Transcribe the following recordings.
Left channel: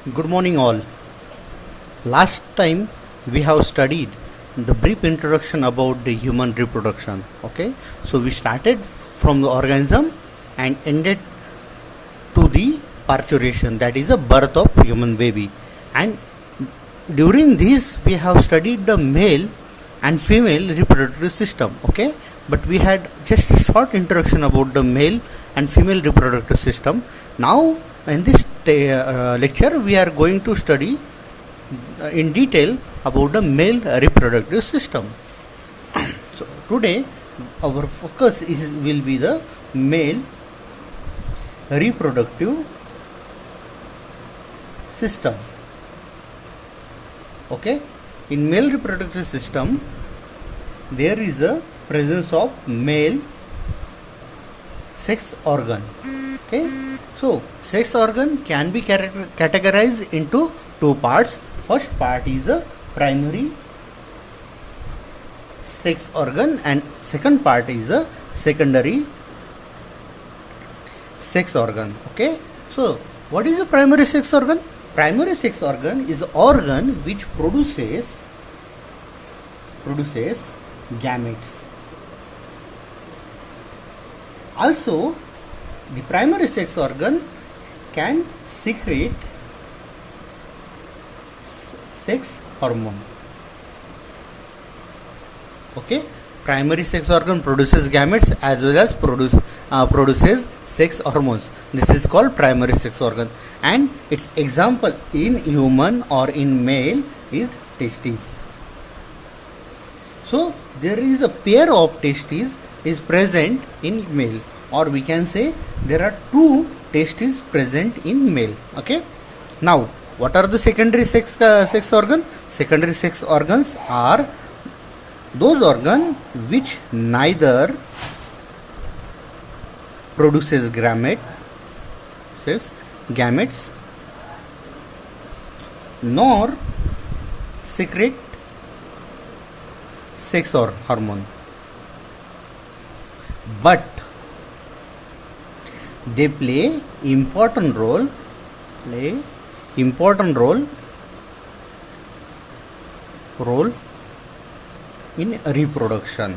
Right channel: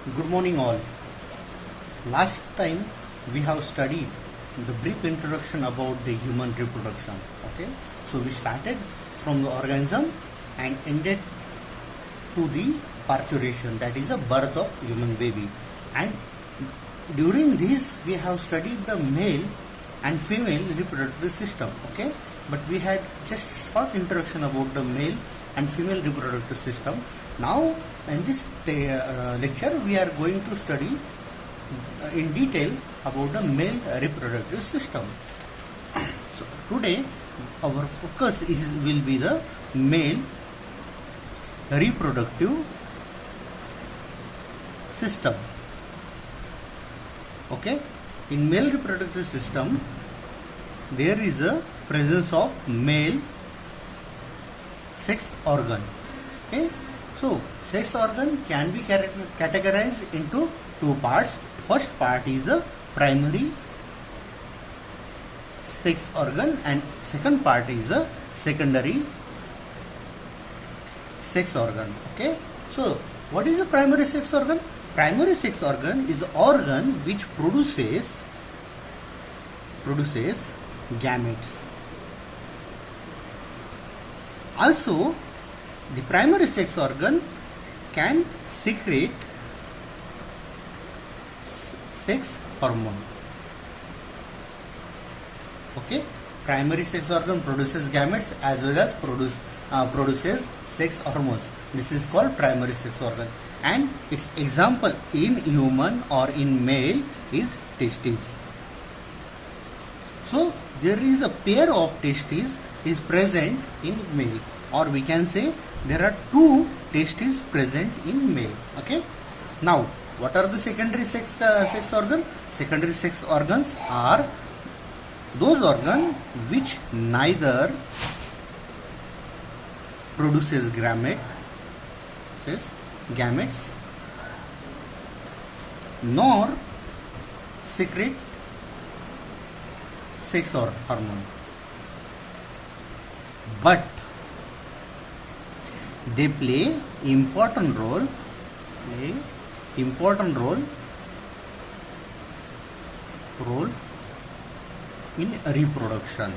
Good morning, all. Last time we have studied the brief introduction about the human reproduction. Okay, so we started from the organism and ended to the parturition, that is, the birth of human baby. And during this, we have studied the male and female reproductive system. Okay, but we had just a short introduction about the male and female reproductive system. Now, in this lecture, we are going to study in detail about the male reproductive system. So today, our focus will be the male reproductive system. Okay, in male reproductive system, there is a presence of male sex organ. Okay, so sex organ can be categorized into two parts. First part is a primary sex organ and second part is a secondary sex organ. Okay, so what is a primary sex organ? Primary sex organ is an organ which produces gametes. Also, the primary sex organ can secrete sex hormone. Okay, primary sex organ produces gametes as well as produces sex hormones. This is called primary sex organ, and its example in human or in male is testes. So there is a pair of testes is present in male, or we can say there are two testes present in male. Okay, now what are the secondary sex organ? Secondary sex organs are those organs which neither produces gametes nor secrete sex or hormone, but they play important role in reproduction,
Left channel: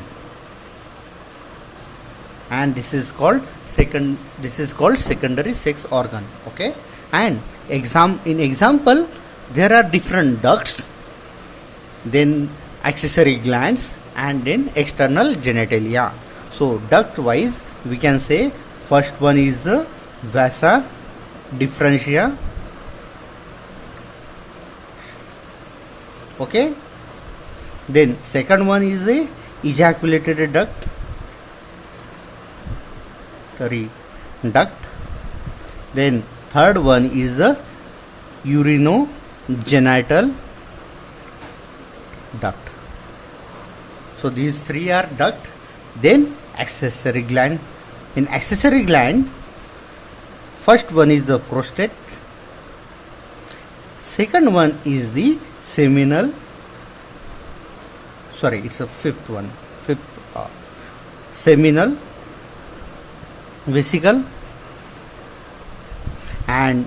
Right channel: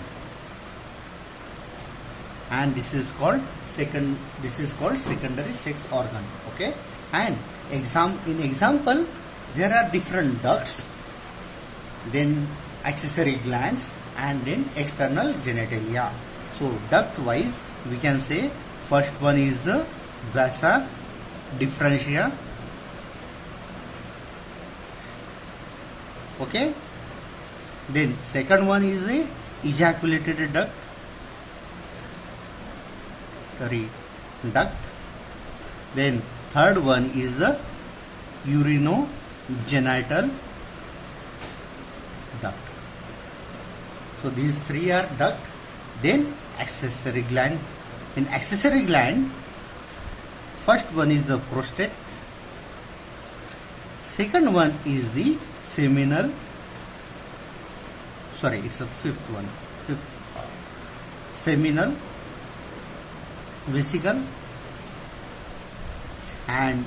and this is called secondary sex organ. Okay, and in example there are different ducts, then accessory glands, and then external genitalia. So duct wise we can say first one is the vasa differentia. Okay, then second one is the ejaculatory duct. Then third one is the urinogenital duct. So these three are duct. Then accessory gland. In accessory gland, first one is the prostate. Second one is the seminal. Sorry, it's a fifth one. Seminal vesicle, and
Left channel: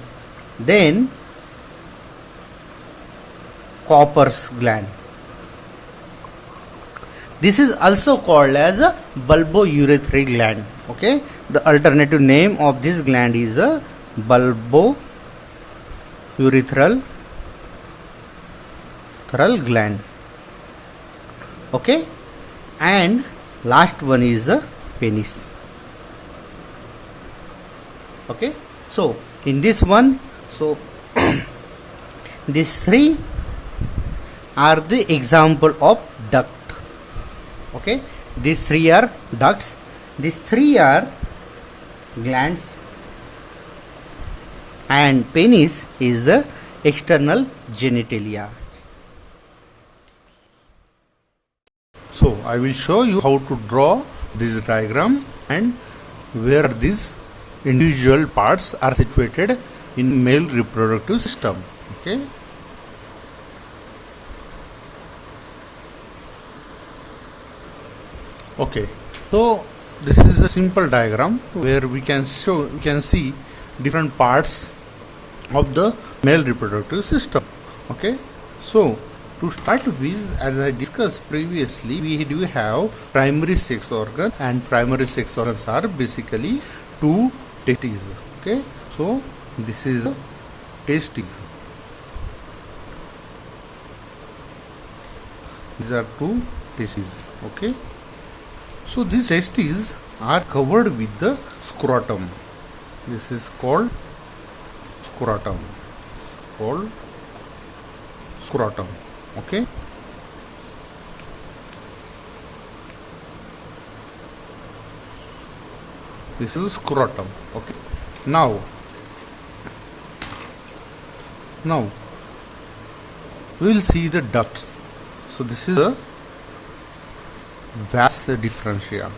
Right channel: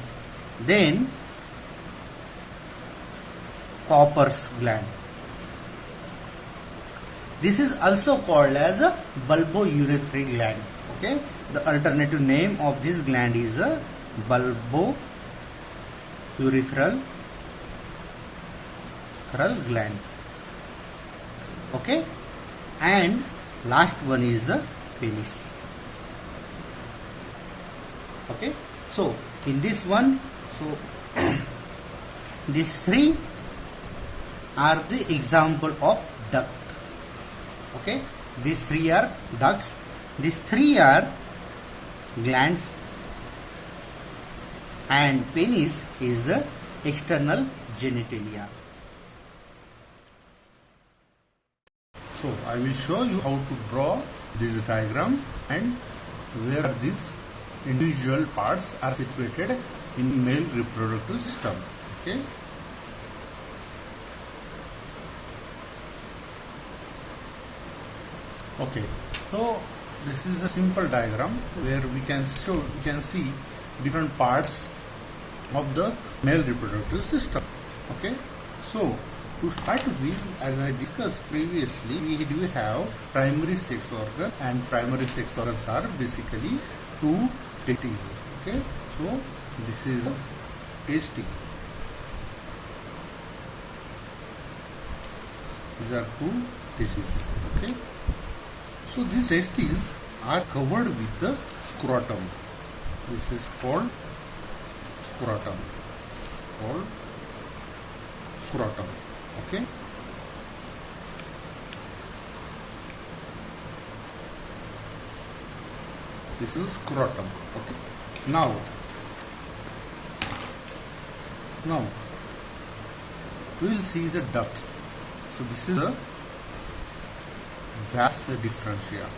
then Cowper's gland. This is also called as a bulbourethral gland. Okay, the alternative name of this gland is a bulbourethral gland. Okay, and last one is the penis. Okay, so in this one, so these three are the example of duct. Okay, these three are ducts, these three are glands, and penis is the external genitalia. So I will show you how to draw this diagram and where these individual parts are situated in male reproductive system. Okay. Okay, so this is a simple diagram where we can see different parts of the male reproductive system. Okay, so to start with, as I discussed previously, we do have primary sex organ, and primary sex organs are basically two testes. Okay, so this is the testes. These are two testes. Okay, so these testes are covered with the scrotum. This is called scrotum. Called scrotum. Okay. This is scrotum. Okay. Now we will see the ducts. So this is a vas differentia.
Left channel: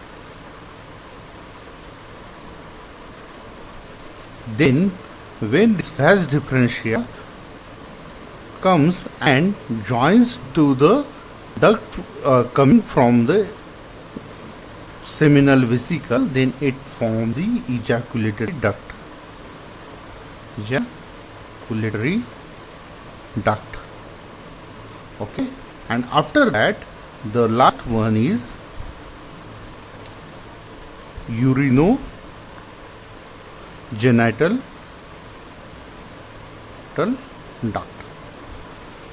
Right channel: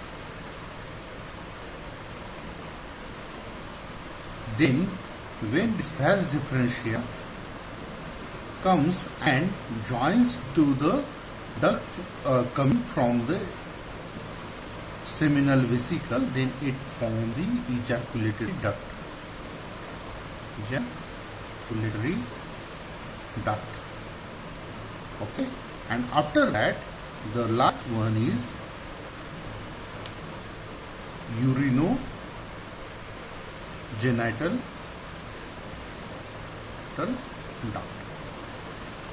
Then when this vas differentia comes and joins to the duct coming from the seminal vesicle, then it forms the ejaculatory duct. Ejaculatory duct. Okay, and after that the last one is urinogenital duct.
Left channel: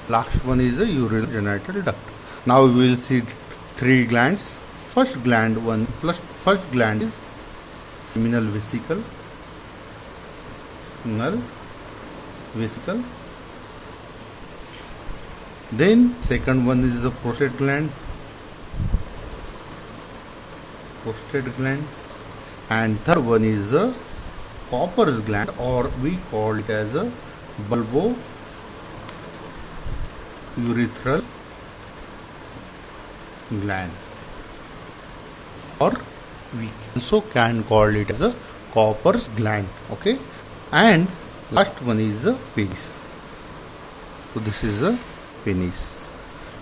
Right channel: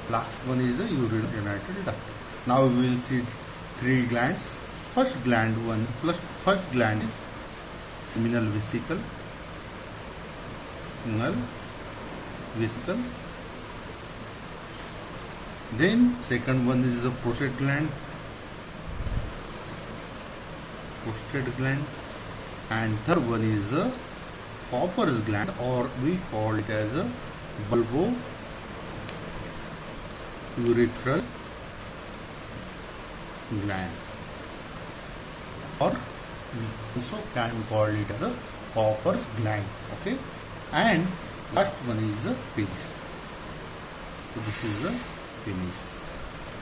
Last one is the urinogenital duct. Now we will see three glands. First gland is seminal vesicle. Then second one is the prostate gland. And third one is the Cowper's gland, or we call it as a bulbourethral gland, or we also can call it as a Cowper's gland. Okay, and last one is the penis. So this is the penis,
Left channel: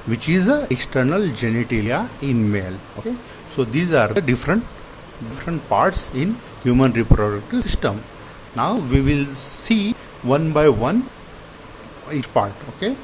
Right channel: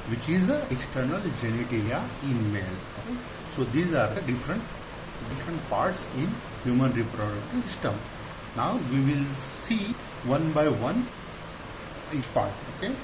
which is the external genitalia in male. Okay, so these are the different parts in human reproductive system. Now we will see one by one each part. Okay.